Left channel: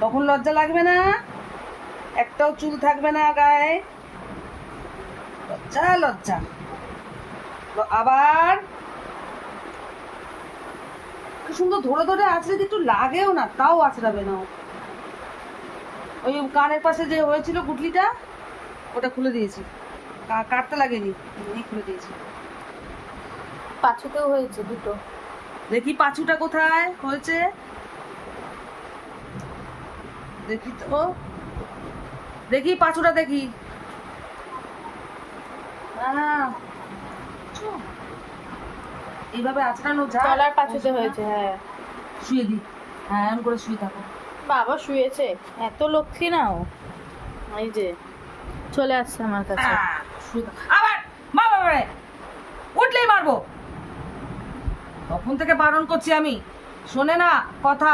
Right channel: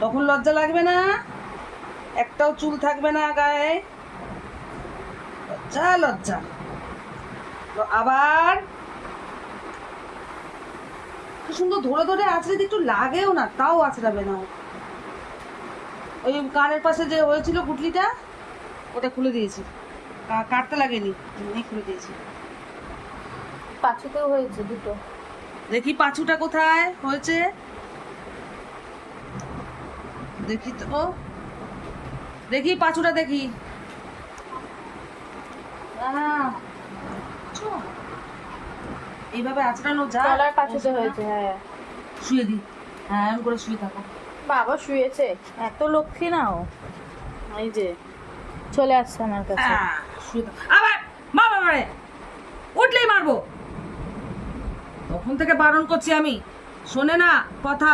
তখন লজ্জা লাগবে না? একটাও চুল থাকবে না গায়ে। লজ্জা লজ্জা। আবার কি সুন্দর ধরে ধরে আঁচড়ে একটু লাগেও না, তাও আঁচড়াবে না। ওই কানের পাশে যে হয়েছিল গুটলিটা, ওটা খুলে দিয়েছি। কাটতে লাগেনি, এমনি খুলে দিয়েছি। পাঁচুতেও হয়েছে দুটো। দেখি পাঁচুটা কোথায় হয়েছে, দেখি তো, দেখি পাঁচুটা দেখি। এইভাবে আঁচড়ানো যায়? তলার পাঁচুতে হয়েছে, হ্যাঁ। শুয়ে দি, হ্যাঁ এমন করে শুয়ে থাকো। বাবা শুয়েছে, এত লক্ষ্মী না ও। এই যে চলে আসছে আমার কাছে। শুয়ে থাকো। আবার মা বাবারে উঠলেই মারবো। তখন থেকে বারণ করছি আমি, শোনে না কথা।